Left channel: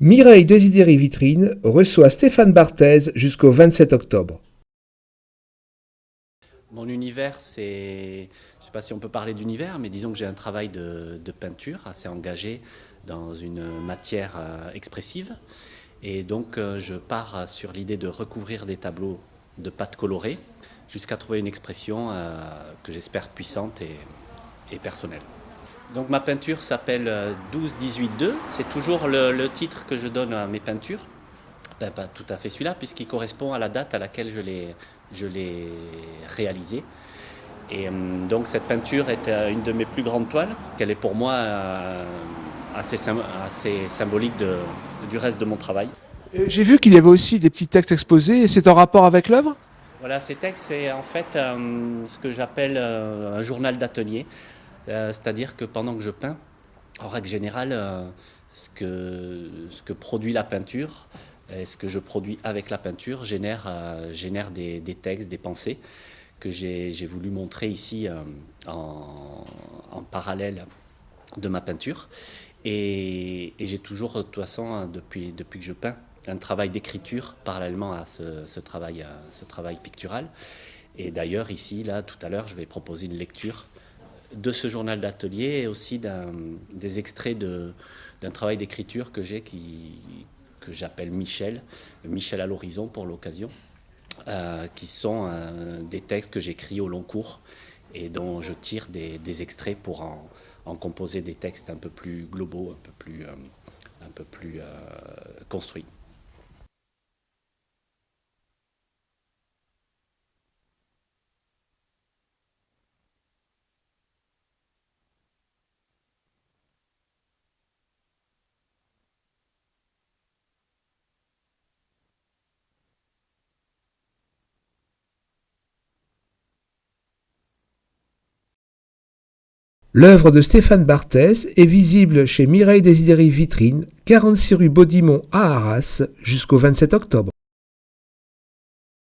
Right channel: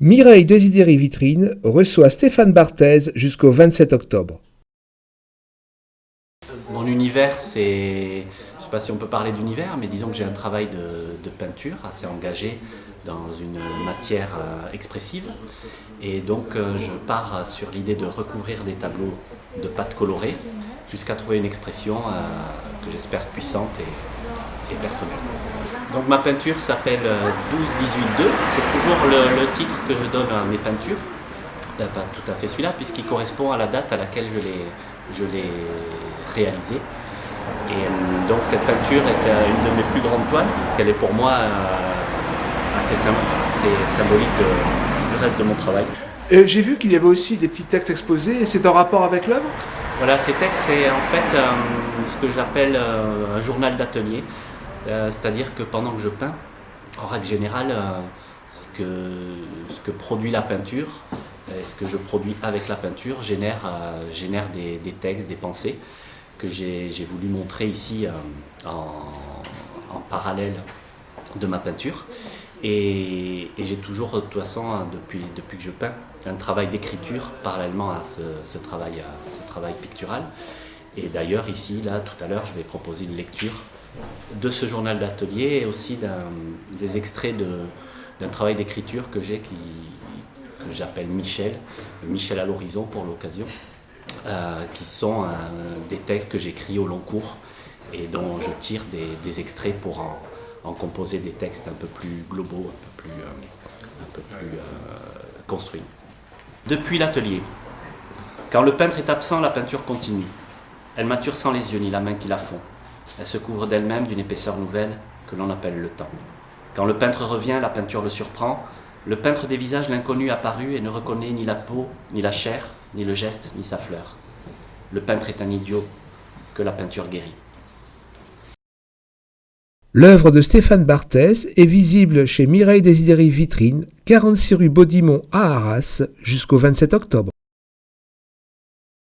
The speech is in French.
Mireille Desidéry Vitrine reçoit Stéphane Barthez jusqu'au 27 octobre. Mon univers, c'est, je ne sais pas si on peut parler d'univers, mais disons que j'ai un travail de peinture assez engagé dans une matière expressive. Et donc je pars sur l'idée de recouvrir des tableaux de pâte colorée jusqu'à trouver une expression que j'espère puissante et personnelle. Donc ma peinture s'appelle 12-18-2, c'est toujours le titre que je donne à mes peintures. Ben, pas tout à fait celui-là, puisqu'il correspond à la date à laquelle je l'ai réalisée. Et donc cette peinture est une de mes plus grandes toiles. Elle est pour moi assez symbolique du reste de mon travail. J'ai vu qu'il y avait aussi des petits textes exposés, et c'est en rapport avec l'œuvre? Voilà, ces textes, c'est en fait ce que j'appelle un journal d'atelier. C'est-à-dire que pendant que je peins, en règle générale, ce que produit la peinture, et ce que je produis avec la peinture génère des textes, des pensées que j'ai voulu montrer ici en parallèle de ma peinture. Et j'ai toujours, de toute façon, depuis que je peins, fait un travail d'écriture parallèlement à ce travail pictural. Et d'ailleurs, ici, là, tout à l'heure, je vais proposer une lecture de ce journal d'atelier et aussi des extraits d'un travail d'écriture que j'ai que j'appelle Michel à l'horizon pour l'occasion, qui sont des textes que j'écris au long cours et dont je tire des extraits pour en composer des textes un peu plus globaux, un peu plus construits. Depuis l'atelier, quand le peintre est absent, la peinture continue. Elle mature sans les yeux ni la main qui la font. Elle se couvre d'elle-même d'une épaisseur nouvelle que l'on appelle le temps. Quand le peintre revient, la peinture le surprend. Le peintre des visages l'inconnu apparu et ne reconnaît ni la peau, ni la chair, ni le geste, ni sa fleur. Le peintre est un idiot que la peinture guérit. L'œuvre de Stéphane Barthez est visible chez Mireille Desidéry Vitrine, 46 rue Baudimont à Arras jusqu'au 27 octobre.